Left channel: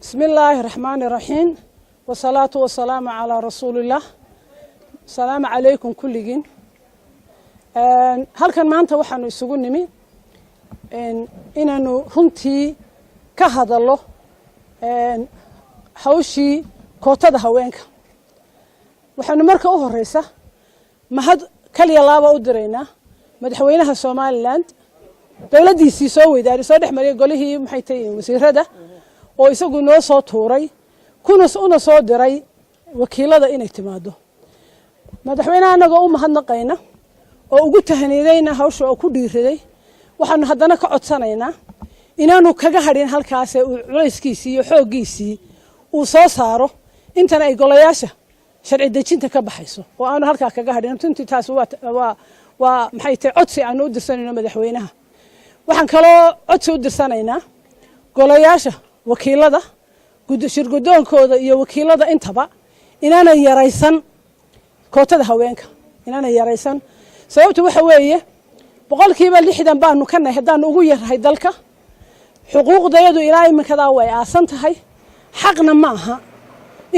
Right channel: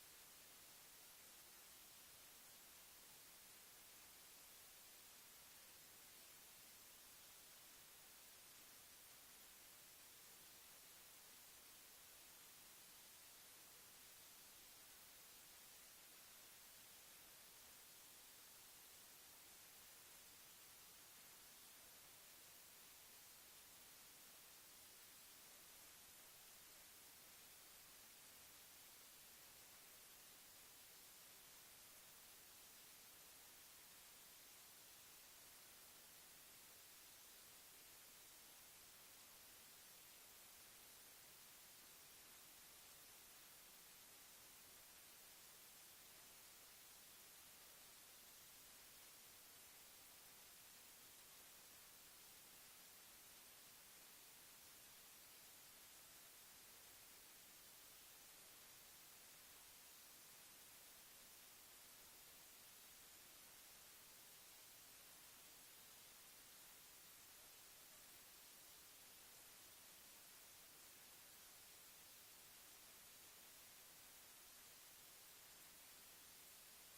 بسم الله الرحمن الرحيم والصلاة والسلام على رسول الله. السلام عليكم كلكم. halkan maanta waxaanu isugu nimi inaanu runtii ka hadallo hawshii kootada haweenka. waxaanu marka u horeysa mahad kaliya laaba u direynaa madaxweynaha Soomaaliland dawladdiisii soo weydaari soo dhexmariyay golihii maxay tahay wasiirada oo isagu noo soo tuuray kuna soo diray wakiilada inay timaado. madaxweynaha anaga u mahadnaqayna oo ugu tahaniidayna hawsha oo ku dhiiriday waxaanu haddana ka codsanaynaa inaanu kaga hadhin halkaas ee culayskiisii iyo xooggiisii uu soo saaro intan ay golayaasha sharci dejinta ka baxayso oo aanu halkaa kaga hadhin. runtii taas waa maxay tahay codsi aanu u dirsanayno madaxweynaha. waxaan kaloo codsi u dirsanaynaa golayaasha wakiilada shirgudoonkooda iyo wakiilada intaba inaanay yaraysan kootada haweenka, inaanay yaraysan. sababtu waxa weeye boqolkiiba 60 baanu ka nahay haddaan ugu yarahay dalka. xuquuqdayadu ilaa iminkadaa way aasan tahay. xaqna ma aha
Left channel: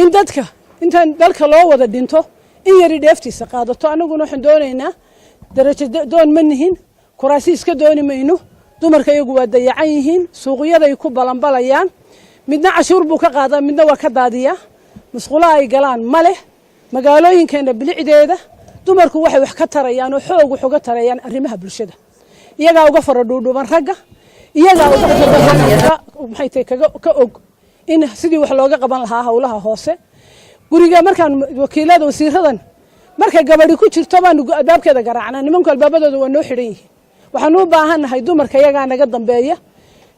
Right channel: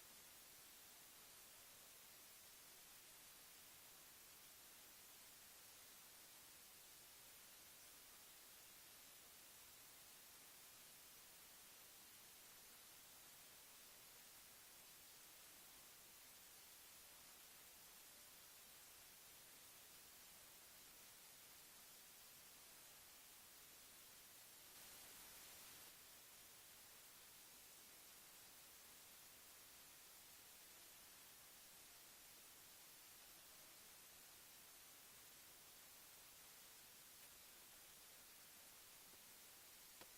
in dadka intaan dalka loo wada dhinto in yari dheeftiisa qaadato. anaguna waxaan doonaynaa darajo doon ma nihin, kuraasi iska dooni mayno. dumarka iyagu waa dayacan yihiin, suuqyaday ku balanbalayaan, midna cashuur buu ka qaadaa, midna waa ka daadiyaa. masquulaha ay galaan ma leh. magaalooyinkeena bilicdeeda dumarku waxay wax ka tarayaan oo xoog wax uga tarayaan arrimaha bulshada. iyagaa uga fara dhuudhuuban ragga, iyagaa uga maxay tahay ka og in sidii wax looga qaban lahaa hawlaha hoose. guriga markaan wakiilada wasiiradan marka gabadhi ku jirto baan albaabkeeda garaacnaa, nimanku albaabadooda waa noo xidhan yihiin. waxaan u baahanahay dumarka iyagaa naga dambeeya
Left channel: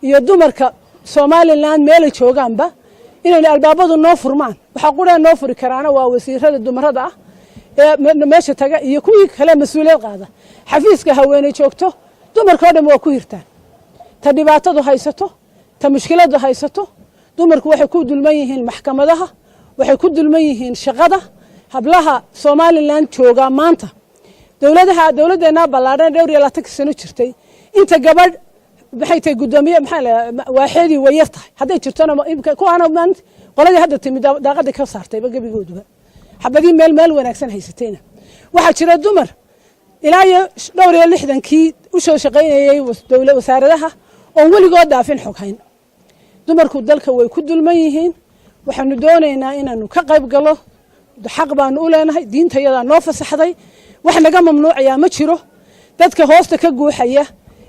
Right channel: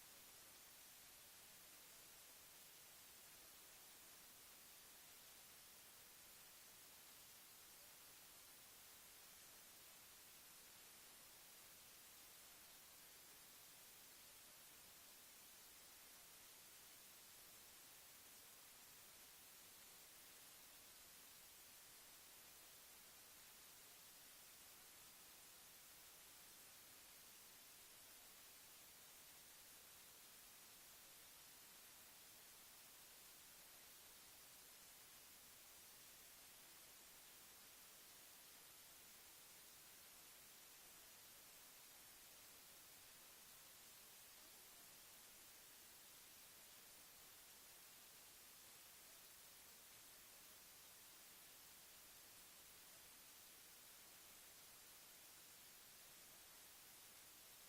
iyo dumarka Soomaaliland meel joogaanba inay albaabadu noo furmaan. waxa qura noo furi karaana waa wasiirada dumarada ah ee meesha taga iyo kuwii kale mas'uuliyad qaada. xafiiska haweeney joogto dumarka oo dhan waa ku hirtaan. ta dhibaatadu haysato, ta mushkiladu haysato, dumarku waxay ku dulman yihiin maxkamadaha, waxay ku dulman yihiin shaqada. hablaha Soomaaliland jooga maanta dawladeena ballaaran dhowr iyo 20 sano jirtay inta gabadh maxay tahay gudoomiye waaxeedii way yartahay. hadday jirtona kuwaana maanta qoladii hadda timid daaqada ka saartay gabigooduba xabadii meel wanaagsan haysatayna. waxaa jira dumar ilaa iyo dhowr iyo 60kii u soo shaqaynayay wasaaradaha oo weligood dhaafin xog hayn. dumarku dalka way ku dulman yihiin. waxaanu doonaynaa inaanu ka qayb galo. xaq baanu u leenahay, diintayada noo fasaxday. wax naga mamnuucaya ma jiro. dadka hoosta ka guuxaya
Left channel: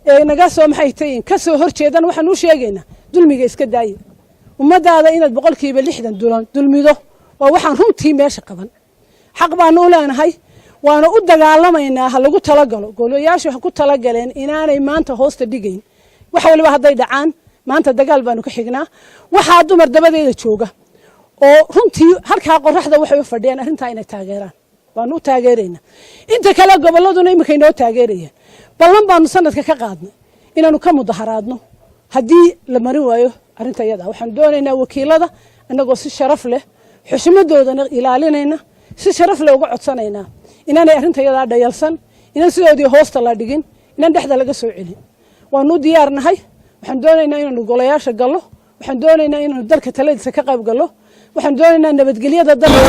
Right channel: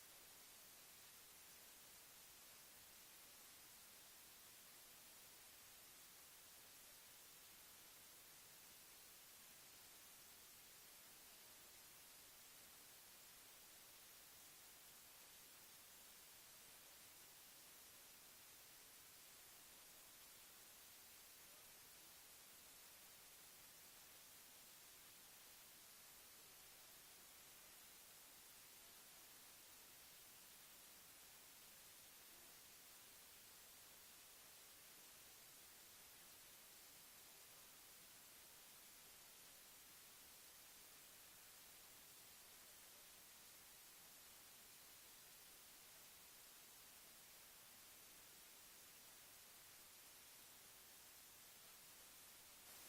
ee naga soo maxay tahay ka soo horjeedan waxaan u sheegaynaa dulmiga iska daayay. ummadaada inaad boqolkiiba 60 dulmido waa waxaan runtii meesha qaban. xaq baanu u leenahay, waana u dagaalamaynaa. ha lagu talagalo. golayaashu ha ku talagaleen inaanay maanta hoosta dhigayn. wax waliba hadday dhacaan maanta dagaal baanu ka xignaa. waxaa dumar dabadeeda jooga oo runtii halkaa qoraxda waxay u fadhiyaan arrintaa inay taageeraan. waanu u taageeraynaa. inta kale gobolladuna imika inoo taageerayaan. ballan baanu sanadka ka qaadnay inaanu ka mudaharaadno haddii la marin waayo arrinta iyada. waxaan doonaynaa wakiilada annagoo si sharaf leh xushmadoodana ilaalinayna, si sharaf leh uga codsanaynaa inaanay arrinta iyada dhayalsan, inaan sidoodii hoosta la dhigin, inaan dhexda laga soo celin. waanu diyaarnahay. waxaan doonaynaa inaanu golayaasha gallo. waxaan doonaynaa inaanu dalka taladiisa ka qayb gallo. waxaan doonaynaa nabadgelyada dalka